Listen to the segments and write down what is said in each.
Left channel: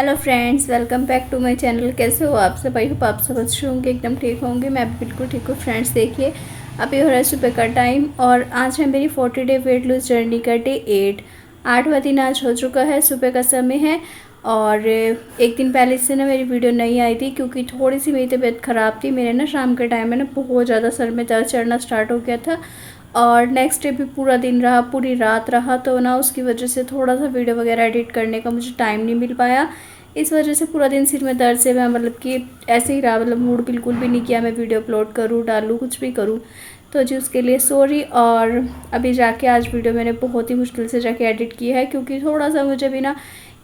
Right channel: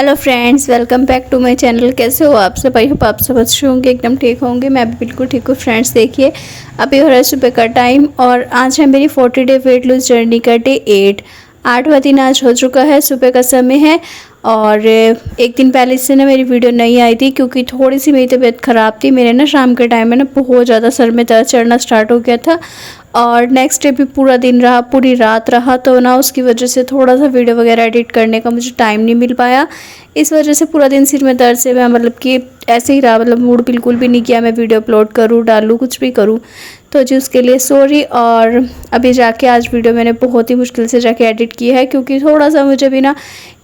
Hello friends, welcome back to my channel. कैसे हो आप सब? आई होप आप सब अच्छे होंगे, एकदम ठीक होंगे। मैं भी बिल्कुल ठीक हूँ। फ्रेंड्स देखिए, अभी हो रहा है सुबह का टाइम और आज है मेरी 40 डे वेट लूज जर्नी का डे 8वां दिन आज हो चुका है। सुबह का समय है और एक दिन पहले से ना मेरी वीडियो नहीं आई थी क्योंकि थोड़ी सी मेरी तबीयत ख़राब थी। मेरे ना शाम के टाइम में ना बहुत ज़्यादा सर में दर्द चढ़ना स्टार्ट हो गया था और नेक्स्ट डे भी पूरा दिन रहा, पूरी रात रहा, तो ना उसकी वजह से थोड़ा सा वीडियो वगैरह एडिट करने का मुझे टाइम नहीं मिल पाया। इस वजह से पूरा दिन सिर में दर्द से मैं मतलब कि ऐसे ही रहा, मतलब मूड बिल्कुल भी नहीं किया मैं वीडियो अपलोड करूँ, डालूँ, कुछ भी करूँ। तो जी उसके लिए सॉरी। और अभी जाके आज वीडियो मैंने बहुत ही मुश्किल से जाके एडिट की है क्योंकि थोड़ा सा मुझे भी ना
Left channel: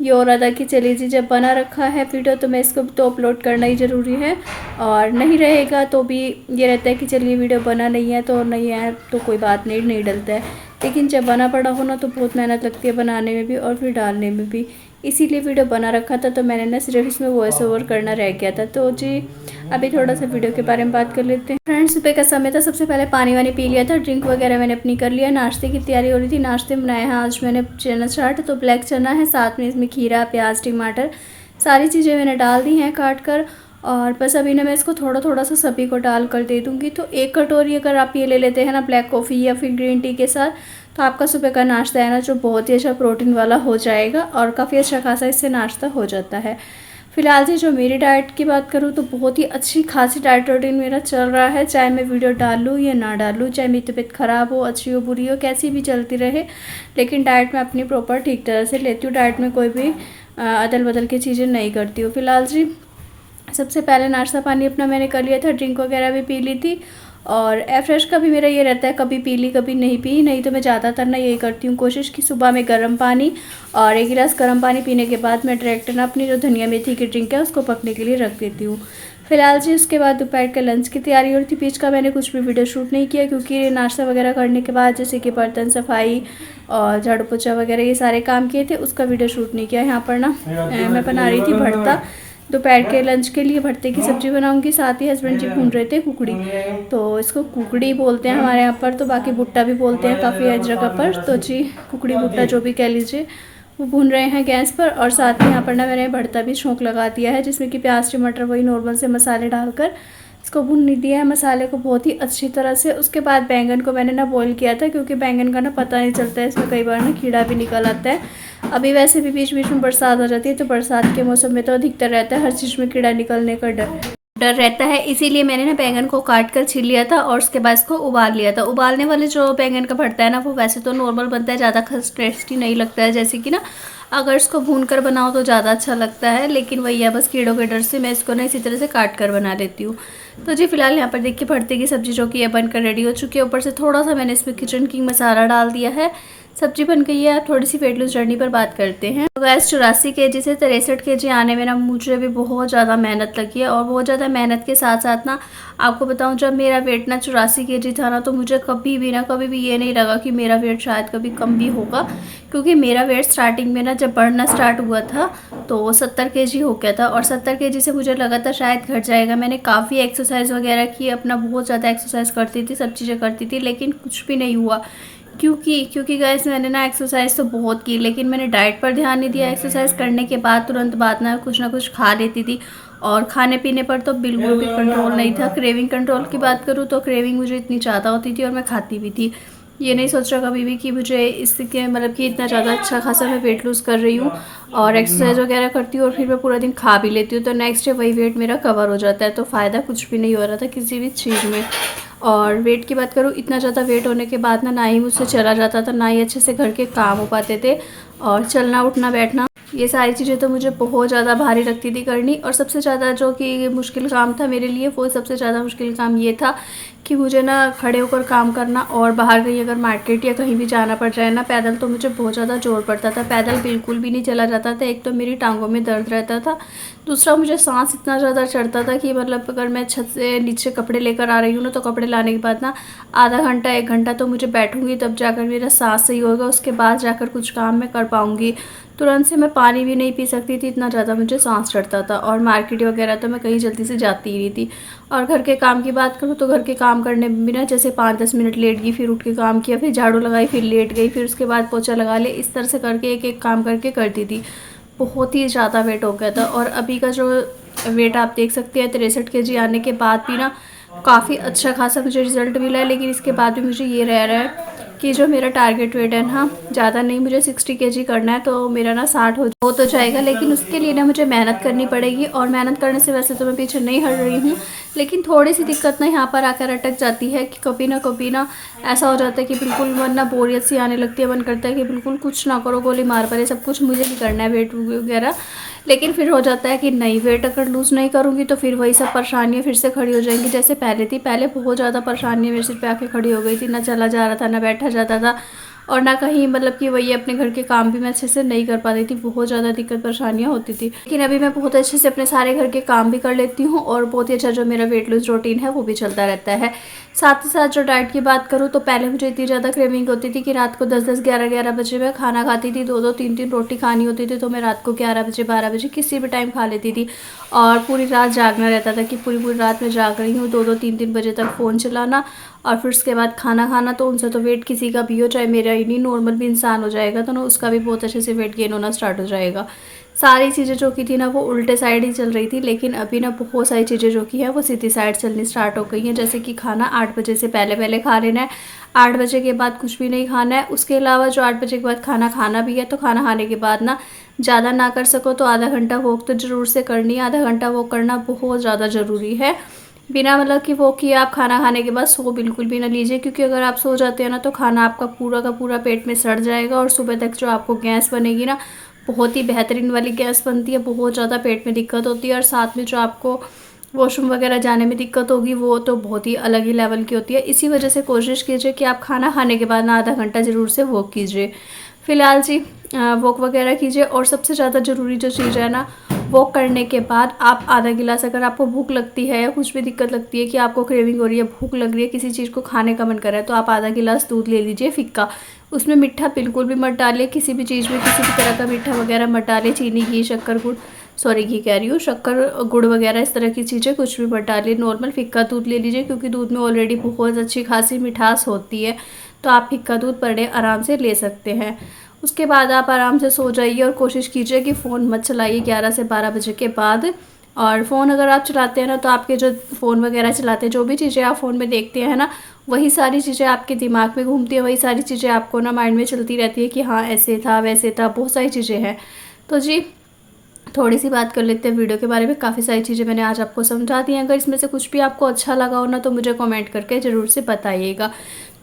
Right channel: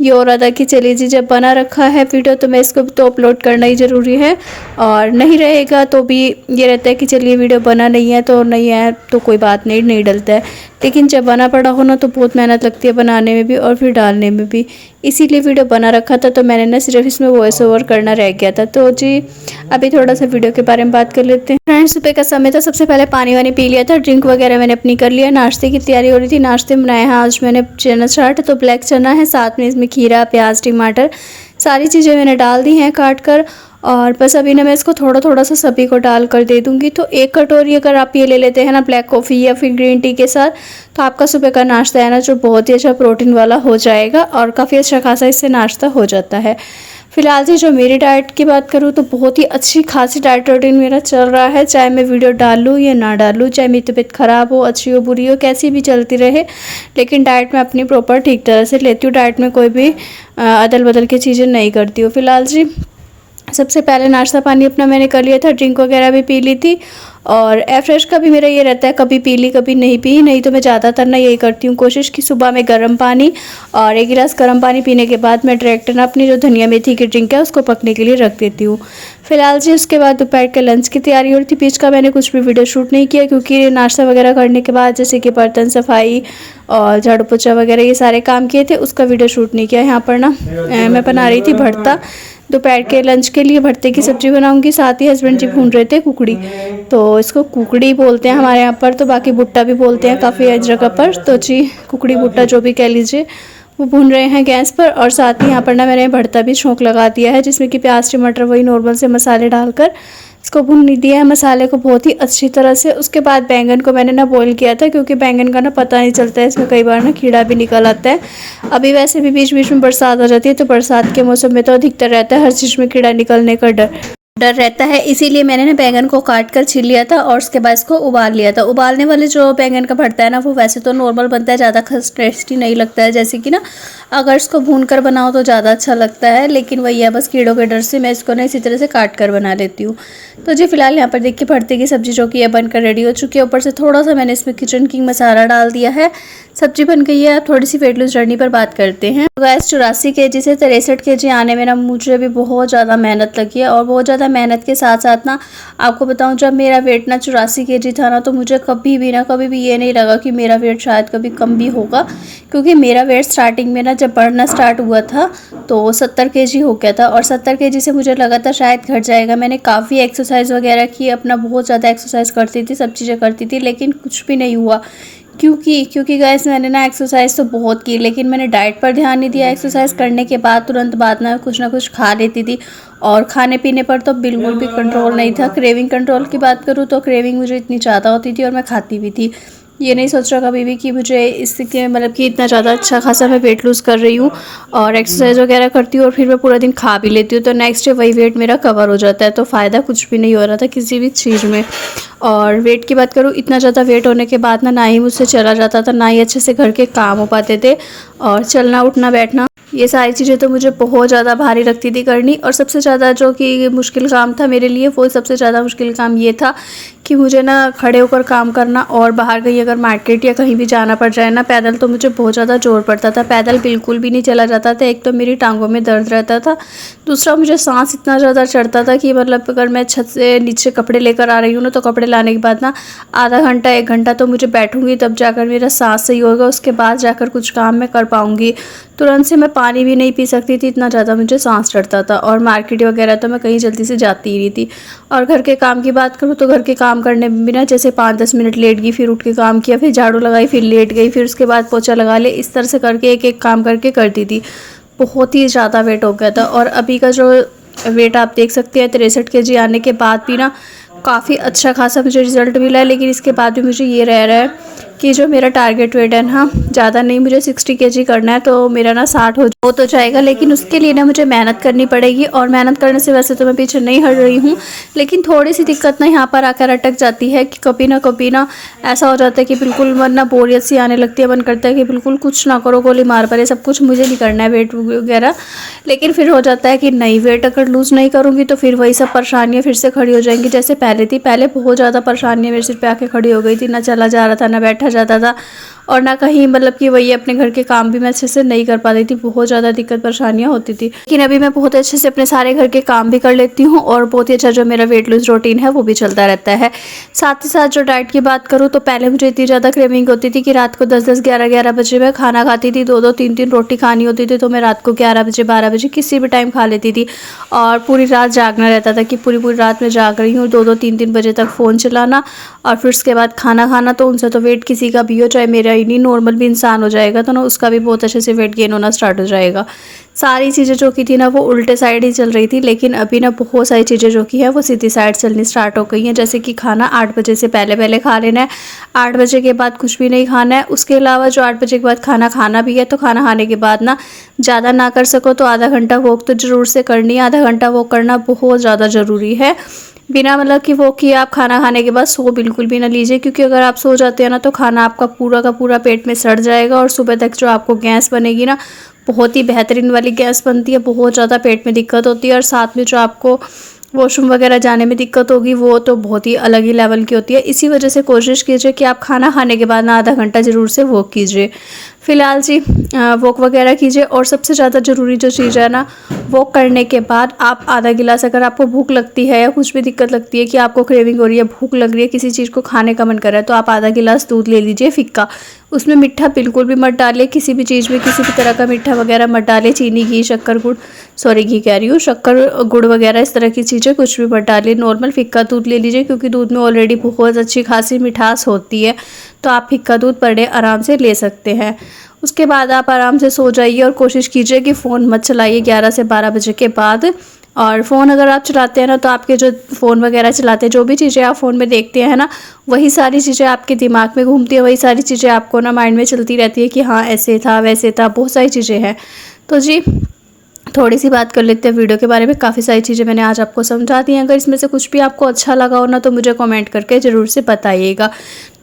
ये हो रहा था कि चलिए जी जब बना रखा है वीडियो तो मैं इसको तो अपलोड करना ही ज़रूरी है, और नहीं रहेगा तो भी ये रहता है कि चलिए वीडियो बना नहीं है तो नहीं है तो कोई बात नहीं, नहीं डलता है। लेकिन जब बना पड़ा हो ना तो बहुत मेहनत लगती है बनाने में भी और फिर डालने में भी, इसीलिए वीडियो बना रखा था। तो मैंने ना सिर्फ इसमें वॉइस ओवर करना रह गया था। तो जी अभी थोड़ा सा वीडियो के बारे में बात कर लेते हैं। फ्रेंड्स सुबह का समय था, सबसे पहले पानी वानी पी लिया था, ड्रिंक वगैरह मैंने अपनी कर लिया, नाश्ते की तैयारी हो रही थी। नाश्ते में बनाया है आज मैंने चना चाट, तो ब्लैक चना है, साथ में इसमें खीरा, प्याज, टमाटर सारी चीज़ें मैंने डाल दी हैं काट कर। और बस अभी ना मैं इसको थोड़ा थोड़ा सा सभी को डाल कर दे दूँगी। तो एक कटोरी अगर आप ये ले लेते हैं ना ब्लैक कॉफ़ी या फिर ग्रीन टी के साथ, तो आपका सुबह का नाश्ता है ना जो बहुत ही अच्छा प्रोटीन वाला हो जाएगा और काफ़ी अच्छा खासा इससे नाश्ता हो जाता है। फिलहाल से जो मेरी डाइट की बात करूँ तो बहुत ही अच्छी खासी डाइट रूटीन मेरा चल रहा है, चाहे मैं वीडियो डालूँ या ना डालूँ, चाहे मेरी तबीयत ख़राब हो, अच्छी हो, बुरी हो, कैसी भी चलती रहे, लेकिन डाइट में अपनी प्रॉपर ठीक तरह से लेती हूँ। डाइट में कोई भी अदल बदल की चीज़ें नहीं करती हूँ। फिलहाल जी सबसे पहले नाश्ता पानी अपना मैंने कर लिया था, ड्रिंक वगैरह भी पी ली थी। और एयर फ्रेश का भी मेरा ये रहता है, कभी पी ली कभी नहीं पी, नहीं तो मैं ज़्यादातर ना यही करती हूँ कोशिश कि सुबह में गर्म पानी और एक गिलास गर्म पानी पीने के बाद मैं डायरेक्ट ना अपनी जो धनिया मेथी की ड्रिंक है उसको पकने के लिए रख देती हूँ। फिलहाल जी उसके बाद दोपहर के लंच की तैयारी हो रही थी। बीच का मैंने कुछ भी वीडियो शूट नहीं किया क्योंकि नाश्ता वगैरह करने के बाद जैसे कि बर्तन सफाई और झाड़ू पोछा वगैरह ये सारे काम किए थे, उसका वीडियो शूट नहीं किया। यहाँ पर ना मैं बना रही थी भरता, दोपहर के लंच के लिए भरते की सब्ज़ी बनाऊंगी। साथ ही हस्बैंड जी भून रहे थे कुकड़ी, तो इसको कुकड़ी बोलते हैं हमारे यहाँ पर, तो बाकी भुट्टा भी बोलते हैं काफ़ी जगह पर। तो जी कुकड़ी भुट्टा जो भी कह लीजिए वो भून रहे हैं गैस पर। और साथ ही यहाँ पर ना मैंने भरता भी छोंक लगा दिया है जिसमें कि प्याज टमाटर वही नॉर्मल से मसाले डालकर इसको भून दिया है मसाले को बहुत ही अच्छी तरह से। उसके बाद बैंगन को मैंने ना बॉईल किया था क्योंकि बैंगन का ना पता नहीं चलता है, इसमें कई बार ना कीड़ा भी निकल आता है। अभी वैसे भी बीच बीच में बरसात आ जाती है तो बरसात के मौसम में तो अधिकतर रहता है हर चीज़ में कीड़ा निकलने का डर रहता है, इसीलिए मैंने ना बैंगन को काट कर छील लिया था और उसके बाद इसको उबाल लिया था। उबालने वाले जो बैंगन का भरता है ना वो वैसे तो नॉर्मल बनता है, ज़्यादा टेस्टी नहीं लगता है, जैसे कि ना अगर इसको भून कर बनाओ तो ज़्यादा अच्छा लगता है, लेकिन वही है बस कीड़ों के डर से मैं इसको ना इसी तरह से काट कर बना लेती हूँ। तो जी फिलहाल यहाँ पर देखिए भरते की सब्ज़ी जो कि है बनकर रेडी हो चुकी है। ऊपर से थोड़ा सा मैंने इसमें किचन किंग मसाला डाल दिया है, सब्जी बन गई है। अब थोड़ी सी वेट लूज जर्नी पर बात करते हैं। तो गैस 84 kg से 63 kg आने में ना मुझे भी बहुत ज़्यादा मेहनत लगी है, और बहुत ज़्यादा मेहनत के साथ साथ ना आपको बताऊं जब मेरा वेट ना 84 kg था ना तो मुझे कभी भी ये नहीं लगा कि मेरा वेट शायद कभी कम भी होगा, क्योंकि मेरा वेट स्टार्टिंग में ना जब बढ़ना स्टार्ट हुआ था तो 70 kg हो गया था और 70 kg से मुझे लगा था शायद घट जाएगा। मैंने काफ़ी एक्सरसाइज वगैरह की, अपना बहुत ज़्यादा एक्सरसाइज करती थी, सब चीज़ें करती थी, लेकिन कुछ भी नहीं हुआ। क्योंकि गाइस मैंने ना एक्सरसाइज तो बहुत की लेकिन मैंने डाइट पर ध्यान नहीं दिया। एक्सरसाइज करने के बाद तुरंत बाद ना कुछ खा लेती थी और खाने पीने पर तो बिल्कुल भी कंट्रोल नहीं था। क्रेविंग कंट्रोल की बात करूँ तो क्रेविंग मुझे इतनी ज़्यादा होती थी और मैं खाती भी थी। ये नहीं सोच रहा कभी भी कि मुझे इसके मतलब कि इतना ज़्यादा अच्छा खासा मैं वेट लूज़ कर रही हूँ और एक्सरसाइज वगैरह करती हूँ और फिर मैं पूरा दिन खा भी लेती हूँ तो नेक्स्ट डे वही वेट मेरा कवर हो जाता है, तो फ़ायदा कुछ भी नहीं हो रहा था किसी भी चीज़ में। और वेट की बात करूँ, इतना ज़्यादा वेट होने के बाद ना ही मुझसे चला जाता था, ना ही अच्छे से घर के काम हो पाते थे, और चलना उठना बैठना ये सारी चीज़ें तो मुझे बहुत ज़्यादा भारी लगती थी करनी। और सबसे ज़्यादा जो कि मुश्किल काम था मेरे लिए, वो सबसे ज़्यादा मुश्किल काम ये था कि मुझे ना खड़े होकर काम करना, और बाहर कहीं अगर मार्केट या कहीं भी जाना पड़ जाए ना पैदल तो मुझे बहुत ज़्यादा जोर पड़ता था। पैदल बिल्कुल भी नहीं चला जाता था। एक तो मेरी टांगों में दर्द रहता था, दूसरा मुझे सांस इतना ज़्यादा चढ़ता था कि मतलब अगर मैं छत से नीचे कपड़े लेकर आ रही हूँ ना तो कपड़े लाने के बाद ना आधा घंटा 1 घंटा तो मुझे बैठूंगी तब जाकर मेरा सांस सही होगा, उसके बाद जाकर कुछ काम मैं कर पाऊँगी। तुरंत से मैं पानी भी नहीं पी सकती थी, इतना ज़्यादा मुझे सांस चढ़ता था। और मार्केट वगैरह तो मैं कहीं जल्दी से जाती ही नहीं थी। और घर के काम की बात करूँ तो घर के काम करने में भी ना जैसे 5-10 मिनट लेट गई, फिर उठ के काम किया, फिर झाड़ू लगाई, फिर लेट गई, फिर उसके बाद पोछा लगा ले, इस तरह से करके एक एक काम करके करती थी। बहुत ही ज़्यादा वेट हो गया था। और अभी का जो वेट आप देख सकते हैं 63 kg आने के बाद भी ना काफ़ी अच्छा खासा मुझे रिज़ल्ट मिला है। लेकिन इसके बाद भी मुझे ये रह रहा है कि जो मेरा टारगेट वेट है ना, ज़्यादा नहीं, मुझे 60 kg करना है, तो मेरा ना 60 हो तो जाएगा। लेकिन उसके लिए ना मुझे मेहनत करनी पड़ेगी, और मेहनत करने से वैसे तो मैं पीछे नहीं हट रही हूँ, लेकिन थोड़ी सी दिक्कत ना यहाँ पर आकर अटक जाती है कि कभी ना ऐसा हो जाता है कि बिल्कुल मन ना बोरियत सी आने लगती है, मन करता है कि बिल्कुल कुछ ना करो, गोली मार पड़े, सब कुछ मुझे नहीं करना है वेट वगैरह। लेकिन फिर हो जाता है कि नहीं, वेट अगर लूज़ नहीं करूँगी तो फिर वही सब परेशानियाँ फिर से खड़ी हो जाएंगी जैसे पहले थी। पहले बहुत ज़्यादा परेशानियाँ मेरे सिर पे आके खड़ी हो गई थी, ना चला जा रहा था, ना बैठा जाता था, और ना कहीं मतलब कि वही अपने घर के काम भी मैं अच्छे से नहीं कर पाती थी, बहुत ज़्यादा दिक्कत परेशानियाँ होती थी। लेकिन अभी मैं बहुत अच्छे से अपने सारे घर के काम भी कर लेती हूँ, और बहुत ही अच्छा जो मेरा वेट लूज़ रूटीन है वो भी चलता रहता है। साथ ही साथ जो डाइट की बात करूँ तो पहले मुझे इतनी ज़्यादा क्रेविंग होती थी कि रात को 10-10, 11-11 बजे मैं खाना खाती थी, 2-2, 3-3 रोटी खानी होती थी, तो मैं रात को 11 बजे, 12 बजे किसी भी टाइम खा लेती थी, और पूरी रात जागना रहता था कि पूरी पूरी रात में जाग रही हूँ, 2-2, 3-3 बजे तक फ़ोन चलाना, और फिर उसके बाद खाना खाना। तो उनसे तो वेट किसी का भी हो, चाहे मेरा ही नहीं, नॉर्मल भी इंसान हो जाएगा तो ना उसका भी बहुत अच्छे से वेट गेन होना स्टार्ट हो जाएगा। सारी चीज़ें जो की थी ना वो उल्टे साइड ही चल रही थी, लेकिन अभी ना बहुत सारी चीज़ें जो की है वो सीधी साइड चलनी स्टार्ट हो गई हैं। जैसे कि खाना 8 बजे से पहले पहले खा लेना है, 8 बजे के बाद कुछ भी नहीं खाना है। उसके अलावा जो 8 बजे के बाद खाना खाना भी है, तो खाना खाने के बाद ना ज़्यादा ना कर सको तो आधा घंटा वॉक तो ज़रूर से करनी है। आधा घंटा वॉक करना बहुत ज़्यादा ज़रूरी है। बिना मतलब कि वो कि आप खाना खाने के बाद सो बिल्कुल भी ना लीजिए, क्योंकि अगर आप सो जाते हैं ना तो खाना आपका पूरा का पूरा पेट में सड़ जाएगा, और सुबह तक जो आपको गैस बनेगी ना, बहुत ही बेहतरीन वाली गैस बनती है, बहुत ज़्यादा पेट में दिक्कत होती है। और साथ में जो आपको वॉशरूम वगैरह जाने में दिक्कत होगी वो तो बहुत ही अलग ही लेवल की होती है। इसी वजह से कोशिश कीजिए कि आप खाना खाने के बाद ना आधा घंटा ज़रूर से वॉक कीजिए। फ़िलहाल जी वॉक वगैरह कीजिए, और सबसे ज़्यादा ज़रूरी जो चीज़ है ना, वॉक करने के बाद आप आधा गिलास, अगर आपको भूख लगती है या कुछ भी दिक्कत लगती है कि आपको क्रेविंग हो रही है, भूख लग रही है, किसी चीज़ को खाने का मन कर रहा है, तो आप आधा गिलास दूध ले लीजिए फिक्का। उसमें मीठा बिल्कुल भी मत डालिए, किसी भी चीज़ में किसी भी तरह का मीठा वगैरह मत डालिए, चीनी, घी, शक्कर, गुड़, सॉरी घी कह रही हूँ, शक्कर, गुड़ वगैरह इस तरह की चीज़ें कुछ भी मत डालिए। नॉर्मल फिक्का दूध ले लीजिए, क्योंकि दूध में ऑलरेडी बहुत अच्छी खासी मिठास होती है, तो आप फिक्का दूध पर डे आराम से ले सकते हैं। उसके बाद आप आराम से सो जाइए, और कोशिश कीजिए कि फ़ोन मत चलाइए 11 से 12 बजे के बाद। और फ़ोन अगर आप चलाते हैं ना, तो आपके जो फ़ोन वगैरह चलाते हैं, जो भी चीज़ें आप फ़ोन में देखते हैं ना, वही सारी चीज़ें आपके दिमाग में घूमती है, वही सारी चीज़ें आपको ना माइंड में चलती रहती है कि हाँ ऐसे था वैसे था, बहुत सारी चीज़ें हैं। तो जी थोड़ी सी बात कर लेते हैं वीडियो के बारे में। काफ़ी सारी चीज़ें मैंने आज आपको समझा दी हैं। अगर इसमें से कुछ भी आपको अच्छा लगा हो ना, तो मुझे कमेंट करके ज़रूर से बताइएगा।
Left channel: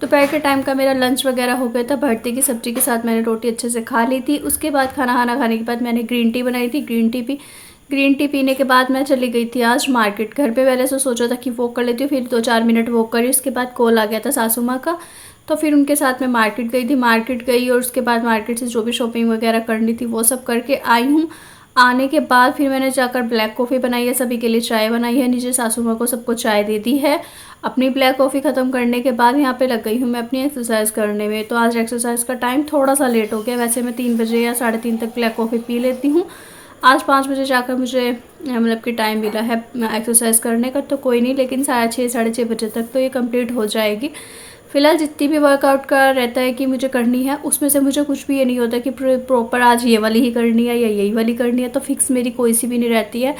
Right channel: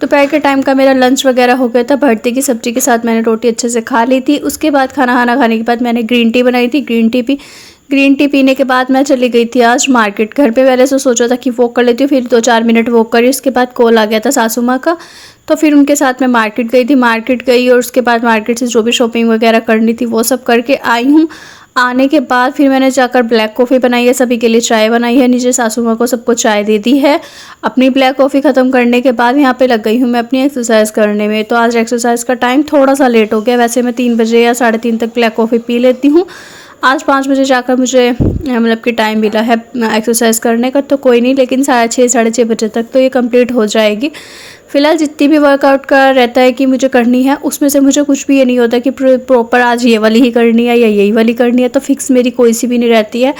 दोपहर के टाइम का मेरा लंच वगैरह हो गया था, भरते की सब्ज़ी के साथ मैंने रोटी अच्छे से खा ली थी। उसके बाद खाना खाने के बाद मैंने ग्रीन टी बनाई थी, ग्रीन टी पीने के बाद मैं चली गई थी आज मार्केट। घर पे पहले से सोचा था कि वॉक कर लेती हूँ, फिर 2-4 मिनट वॉक करी, उसके बाद कॉल आ गया था सासू माँ का, तो फिर उनके साथ मैं मार्केट गई थी। मार्केट गई और उसके बाद मार्केट से जो भी शॉपिंग वगैरह करनी थी वो सब करके आई हूँ। आने के बाद फिर मैंने जाकर ब्लैक कॉफ़ी बनाई है, सभी के लिए चाय बनाई है, नीचे सासू माँ को सबको चाय दे दी है। अपनी ब्लैक कॉफ़ी ख़त्म करने के बाद यहाँ पे लग गई हूँ मैं अपनी एक्सरसाइज करने में। तो आज एक्सरसाइज का टाइम थोड़ा सा लेट हो गया, वैसे मैं 3 बजे या 3:30 तक ब्लैक कॉफ़ी पी लेती हूँ। आज 5 बजे जाकर मुझे मतलब कि टाइम मिला है एक्सरसाइज करने का, तो कोई नहीं, लेकिन 6:30 6:30 बजे तक तो ये कंप्लीट हो जाएगी। फ़िलहाल जितनी भी वर्कआउट का रहता है कि मुझे करनी है, उसमें से मुझे कुछ भी ये नहीं होता कि प्रॉपर आज ये वाली ही करनी है या यही वाली करनी है, तो फिक्स मेरी कोई सी भी नहीं रहती है।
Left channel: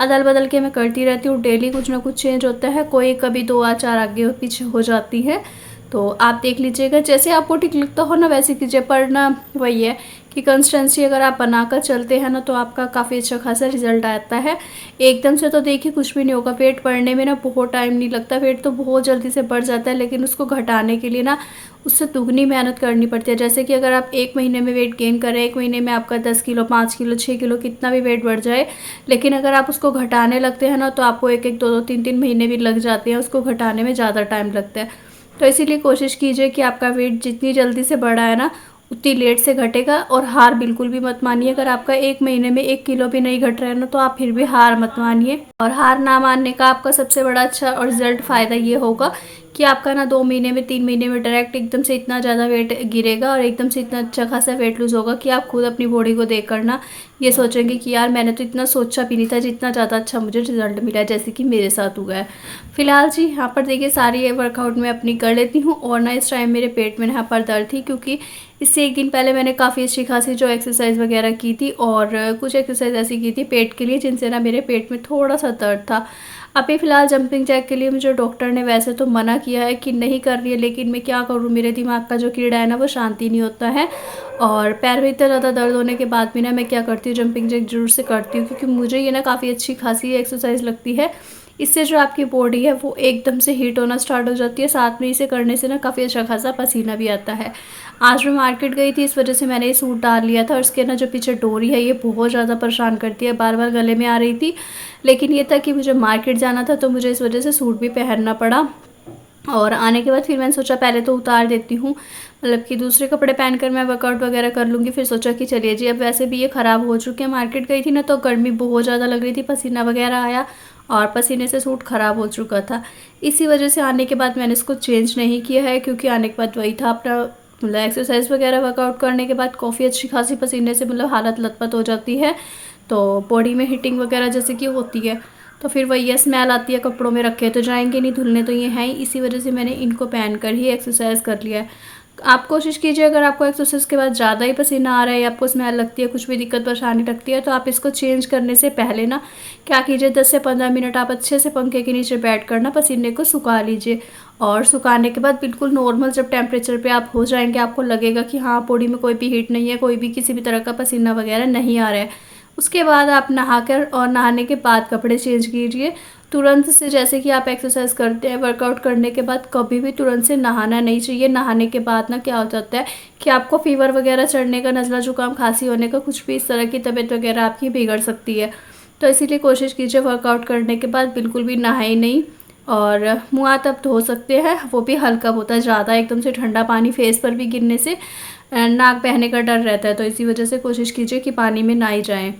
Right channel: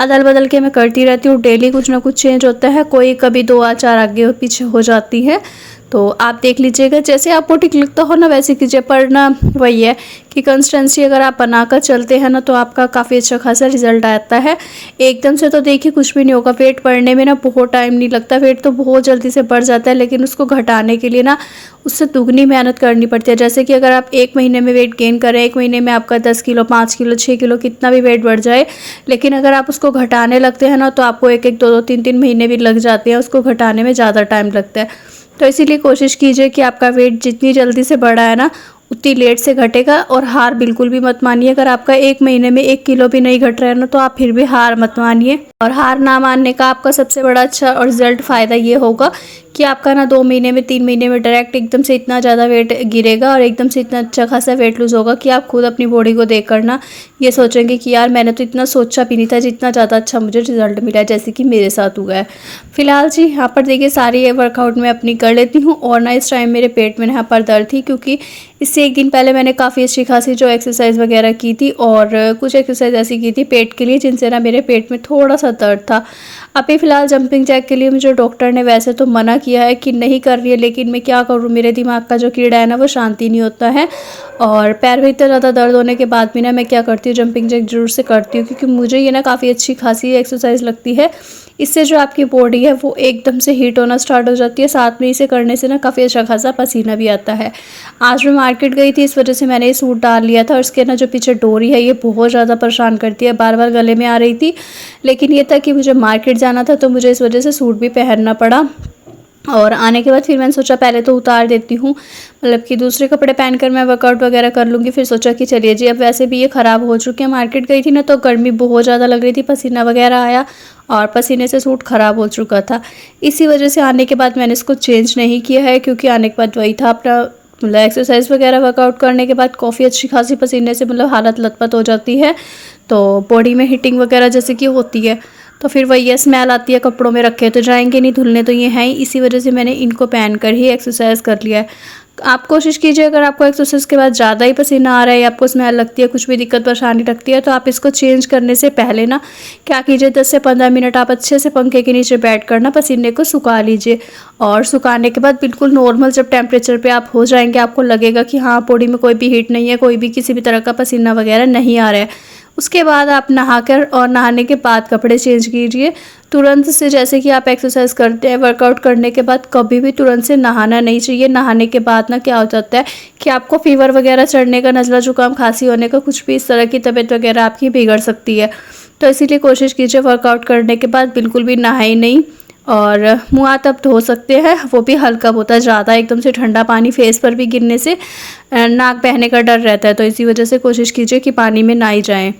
अदल बदल के मैं करती रहती हूँ, डेली कुछ ना कुछ चेंज होता है, कोई कभी 2 या 4 आगे और पीछे हो जाती है। तो आप देख लीजिएगा, जैसे आपको ठीक लगता हो ना वैसे कीजिए, पर ना वही है कि कंसिस्टेंसी अगर आप बनाकर चलते हैं ना, तो आपका काफ़ी अच्छा खासा रिजल्ट आता है। एकदम से तो देखिए कुछ भी नहीं होगा, वेट बढ़ने में ना बहुत टाइम नहीं लगता, वेट तो बहुत जल्दी से बढ़ जाता है, लेकिन उसको घटाने के लिए ना उससे दुगनी मेहनत करनी पड़ती है। जैसे कि अगर आप 1 महीने में वेट गेन करें, 1 महीने में आपका 10 किलो, 5 किलो, 6 किलो कितना भी वेट बढ़ जाए, लेकिन अगर आप उसको घटाने लगते हैं ना, तो आपको 1-1, 2-2, 3-3 महीने भी लग जाते हैं, उसको घटाने में ज़्यादा टाइम लगता है। तो इसीलिए कोशिश कीजिए कि आपका वेट जितनी जल्दी से बढ़ा है ना, उतनी लेट से घटेगा। और हार बिल्कुल भी मत मानिए, अगर आपका 1 महीने में 1 किलो भी नहीं घट रहा है ना, तो आप फिर भी हार मत मानिए। और हार ना मानने का आपका सबसे बड़ा अच्छा और रिजल्ट फ़ायदा ये होगा कि आपका ना 2 महीने में 3 महीने में डायरेक्ट एकदम से इतना ज़्यादा वेट गिरेगा और एकदम से इतना अच्छा खासा वेट लूज़ होगा कि आप खुद अपनी बॉडी को देख कर ना ये सोचेंगे कि यार मैंने तो इतना सोचा भी नहीं था जितना ज़्यादा अच्छा मुझे रिजल्ट मिला है, जैसे कि मेरे साथ हुआ है। फिलहाल जी यहाँ पर देखिए सारी ये वर्कआउट मैं अपनी कर लेती हूँ। और ना इस टाइम मेरे पेट में यहाँ पर दर्द थी, क्योंकि इससे एक दिन पहले मैंने काफ़ी अच्छी खासी जो एक्सरसाइज वगैरह की थी और कुछ एक्सरसाइज ऐसी की थी पेट के लिए जिनसे ना मेरे पेट में थोड़ा सा दर्द था। अभी फ़िलहाल जंपिंग जैक के लिए मुझे डॉक्टर ने वैसे तो मना किया है कि नहीं कर रही है, लेकिन मैं क्या करूँ, मेरे दिमाग का जो कीड़ा है ना वो शांति नहीं होता है। और पैर में इतना ज़्यादा दर्द होने के बाद भी ना मैं क्या करती हूँ, जंपिंग जैक ज़रूर से करती हूँ, क्योंकि मुझे ये ना काफ़ी अच्छी खासी एक्सरसाइज लगती है। इससे जो आपकी बॉडी है वो एकदम से हीट होना स्टार्ट हो जाती है, साथ में इसे करने से ना काफ़ी अच्छा खासा पसीना भी आता है। आज मैं मार्केट गई थी, इस वजह से मैंने ये सूट डाल लिया था और इसके ना जो पीछे डोरी है ये बहुत ज़्यादा परेशान करती है, बार बार गले में आ रही थी। लेकिन ये था कि मुझे मार्केट जाना था तो मुझे इस वजह से सूट भी पहनना पड़ा। और आने के बाद फिर मैंने सोचा पहले तो उतार देती हूँ, मतलब कि दूसरे कपड़े पहनकर मैं वर्कआउट वगैरह कर लूँगी। फिर सोचा कि चलिए जी अब वैसे भी ये ख़राब हो चुके हैं, मार्केट गई थी ना तो गर्मी बहुत ज़्यादा लग रही थी, पसीना वगैरह आया और पसीने से सूट ख़राब हो चुका था। इसी वजह से आने के बाद मैंने इसको चेंज नहीं किया है, क्योंकि आने के बाद वही था अपना मतलब एक्सरसाइज वगैरह वर्कआउट करने के बाद काफ़ी अच्छी खासी पसीने से मतलब हालत लथपथ हो जाती है, तो बॉडी में हीटिंग वगैरह जैसे कि होती है, तो फिर वही है स्मेल आती है, कपड़ों में रखे तो जाएंगे नहीं, धुलने तो ये हैं ही। इसी वजह से मैंने इनको पहन कर ही एक्सरसाइज कर लिया है। आप कोशिश कीजिए अगर आपको एक्सरसाइज के बाद ज़्यादा ही पसीना आ रहा है या आपको स्मेल लगती है, कुछ भी दिक्कत परेशानी लगती है, तो आप इसको चेंज करने से पहले ना क्या कीजिए, 10 से 15 मिनट आप अच्छे से पंखे के नीचे बैठ कर ना पसीने को सुखा लीजिए। और सुखाने के बाद बिल्कुल नॉर्मल जब टेम्परेचर पे आप हो जाएंगे, आपको लगेगा कि हाँ बॉडी में कोई भी हीट नहीं है, कोई भी किसी भी तरह का पसीना वगैरह नहीं आ रहा है, उसके बाद आप नहाकर और नहाने के बाद कपड़े चेंज कीजिए। तुरंत से जैसे कि आप एक्सरसाइज करते हैं, वर्कआउट करने के बाद कभी भी तुरंत से नहाना नहीं चाहिए। नहाने के बाद ना क्या हो जाता है कि आपको फीवर वगैरह चढ़ने का, नज़ला जुकाम खांसी होने का, कुछ भी इस तरह की तबीयत वगैरह आपकी बिगड़ सकती है। तो इसीलिए कोशिश कीजिए वर्कआउट करने के बाद बिल्कुल भी नहाए नहीं। और मुँह हाथ आप धो सकते हैं, वो भी हल्का होता है, ज़्यादा एकदम से ठंडा पानी फेस पर भी गिरने से नाक बहने का डर रहता है, तो इसी वजह से कोशिश कीजिए कि पानी में ना ही जाएँ।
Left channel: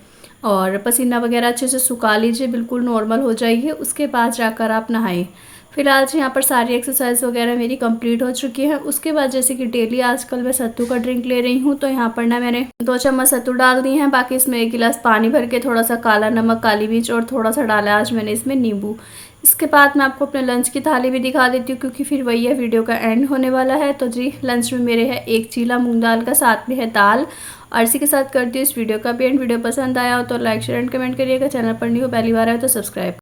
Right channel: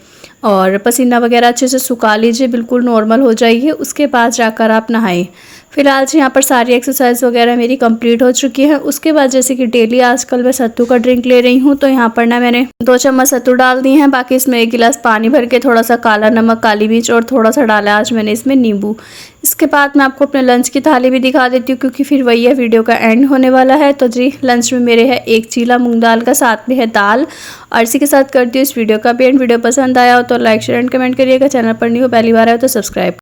और पसीना वगैरह अच्छे से सुखा लीजिए, बिल्कुल नॉर्मल हो जाइए, उसके बाद जाकर आप नहाएं। फिलहाल से यहाँ पर सारी एक्सरसाइज वगैरह मेरी कंप्लीट हो चुकी है। उसके बाद जैसे कि डेली आजकल मैं सत्तू का ड्रिंक ले रही हूँ, तो यहाँ पर ना मैंने 2 चम्मच सत्तू डाल दिए हैं, बाकी इसमें 1 गिलास पानी भर के थोड़ा सा काला नमक, काली मिर्च और थोड़ा सा डाला आज मैंने इसमें नींबू। इसके बाद मैं आपको अपने लंच की थाली भी दिखा देती हूँ, क्योंकि फिर वही है वीडियो का एंड होने वाला है। तो जी लंच में मेरे है 1 चीला मूंग दाल का, साथ में है दाल। और इसी के साथ करती हूँ इस वीडियो का भी एंड। वीडियो पसंद आया हो तो लाइक शेयर एंड कमेंट करिएगा। चैनल पर नहीं हो, पहली बार आए हो तो सब्सक्राइब।